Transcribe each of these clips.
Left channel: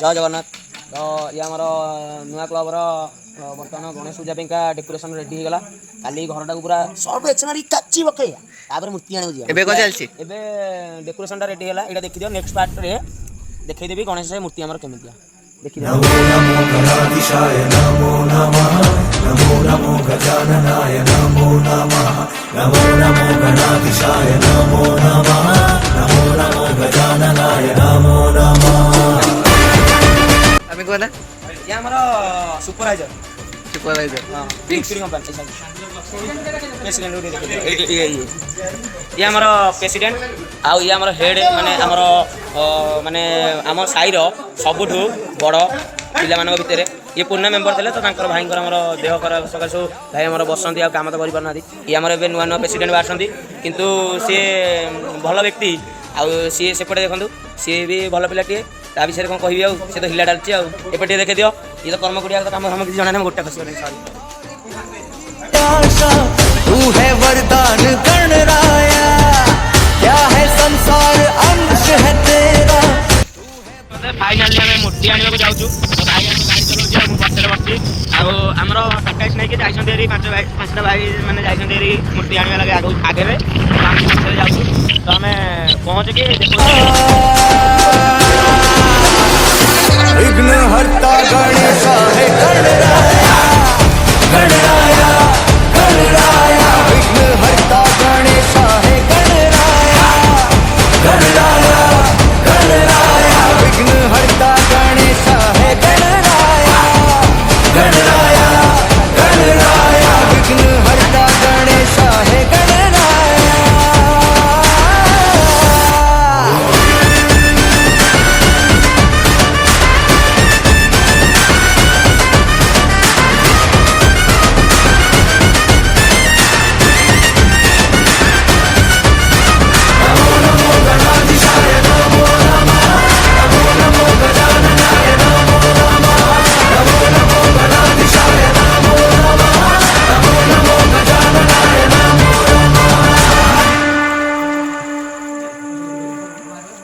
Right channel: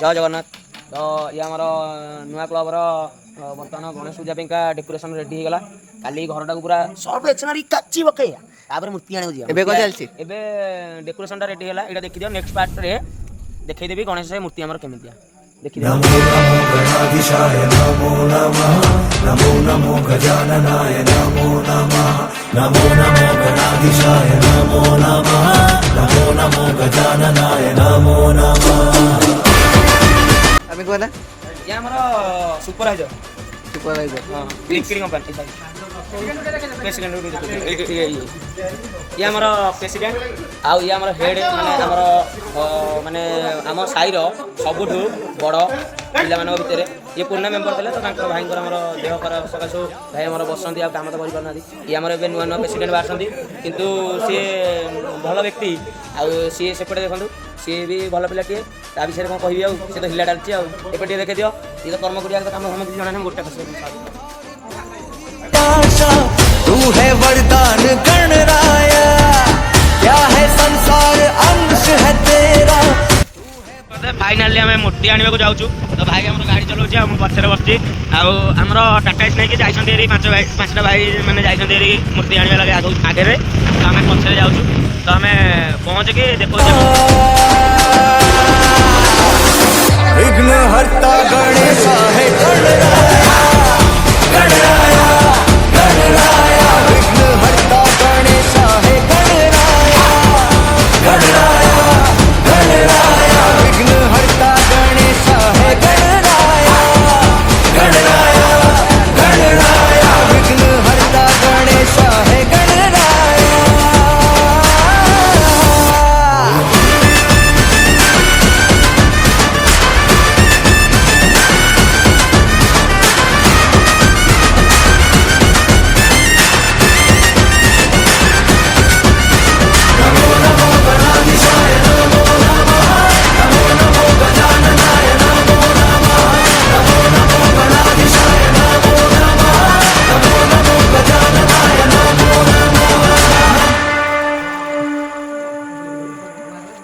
जय जगन्नाथ। तो ये आमर नुआ क्लबर बर्तमान गणेश पूजा पाइंका डेकोरेशन रेडी होगा। काली घरटा पूरा सब एक्शनरी काची पकई मूर्ति आने चलती डेकोरेशन रेडी है। यहाँ देखी दियो नेक्स्ट पार्ट रे देखदेवी गणेश मूर्ति आमर केमितिया देखी नमो नमो गणाधीशाय नमो नमः नमो नमो गजाननाय नमो नमः नमो नमो गणाधीशाय नमो नमः नमो नमो गजाननाय नमो नमः। आम्ही कोण या हमरा सुपरवाइजर कंपनी ये आमर प्रेसिडेंट आउ ये आमर हेड माने आमर माने आम साईर सबुठू बड़ पिला मान भितर ये पुराना मेम्बर थे तो भाई देह खराब सकाशु भाई आम बसती काम तो करना ये आम नुआ नुआ प्रेसिडेंट बाहर किंतु सी भल व्यक्ति आउ सी सेपटे देखो सी भी भल पिलाटे ता विषय कौन कह सी तो हिला डालची आटे देखे दियो ये तो कर्म करिया काम हम किसी जाना गोटे खुश तू है वरदान गणराया क्या है संसार अंश है तेरा। फाइनाली आम मूर्ति आने जाऊँ तो भाई आम गाड़ी चलाऊ पचर बसी आमर टाटा एस नहीं जाइए पांचटा भाई मैंने जाइए मूर्ति आने लगे आगे तो आम पचर जाऊँ तो आम पहुँच के देखो विघ्न हर्ता गणेश है गणराया गणराया गणराया विघ्न हर्ता गणेश है गणराया गणराया गणराया विघ्न हर्ता गणेश है गणराया गणराया गणराया विघ्न हर्ता गणेश है गणराया।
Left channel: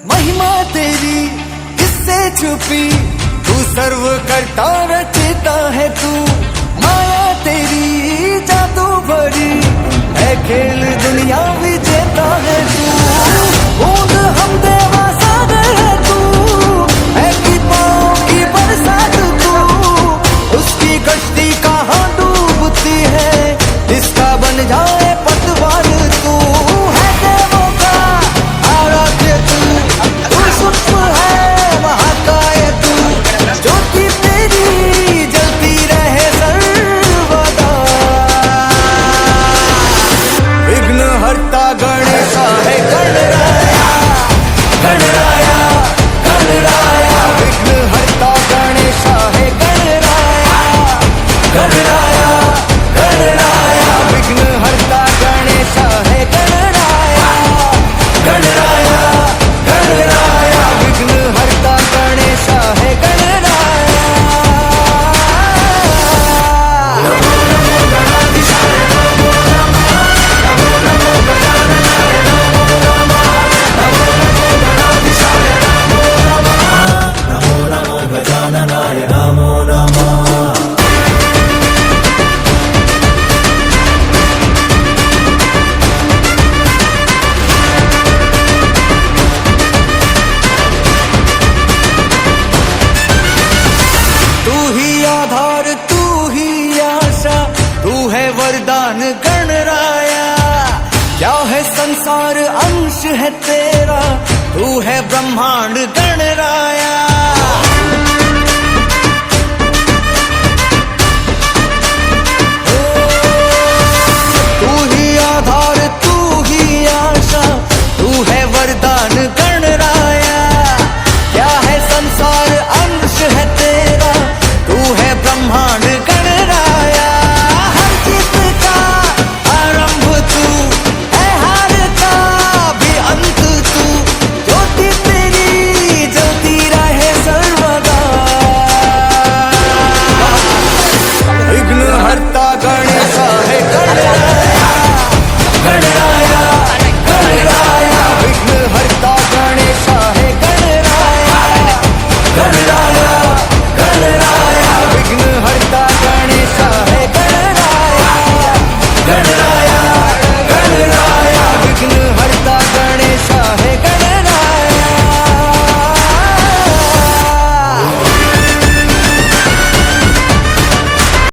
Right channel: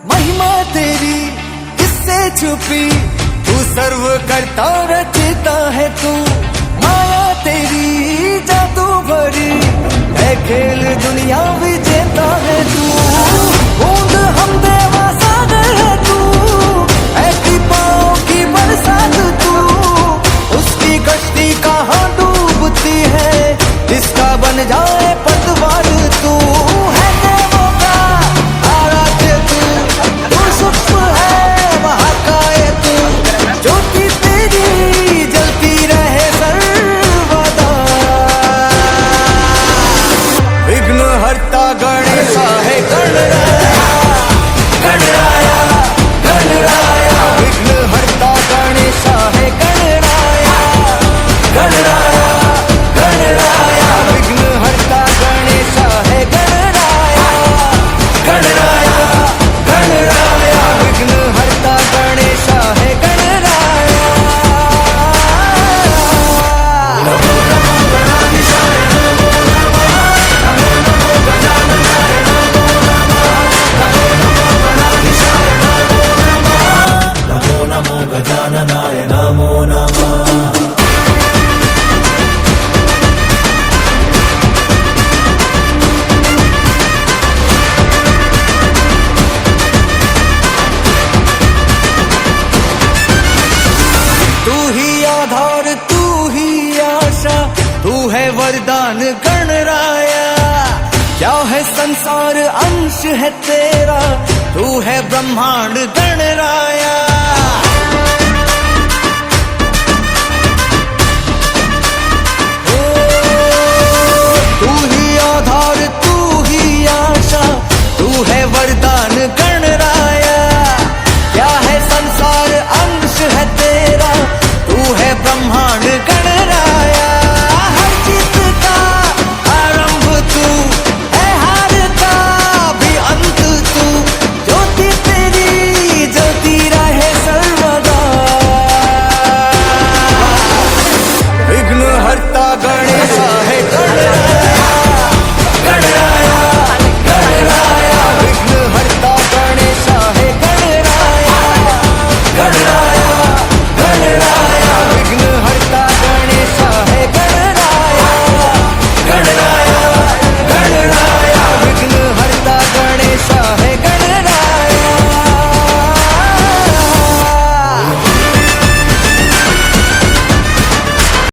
महिमा तेरी किससे छुपी तू सर्व करता रचता है तू माया तेरी जादू भरी है खेल दुनिया विजेता है तू बूंद हम देवा सागर है तू है कृपाओं की बरसात तू उसकी कश्ती कहाँ डूबती है जिसका बन जाए पतवार तू है देवों का आराध्य तू सूक्ष्म है महाकाय तू ज्योति तेरी जलती रहे सर्वदा विघ्न हर्ता गणेश है गणराया गणराया गणराया विघ्न हर्ता गणेश है गणराया गणराया गणराया विघ्न हर्ता गणेश है गणराया गणराया गणराया विघ्न हर्ता गणेश है गणराया। नमो नमो गजाननाय नमो नमः। तू ही आधार तू ही आशा तू है वरदान गणराया क्या है संसार अंश है तेरा तू है ब्रह्मांड गणराया। तू ही आधार तू ही आशा तू है वरदान गणराया क्या है संसार अंश है तेरा तू है ब्रह्मांड।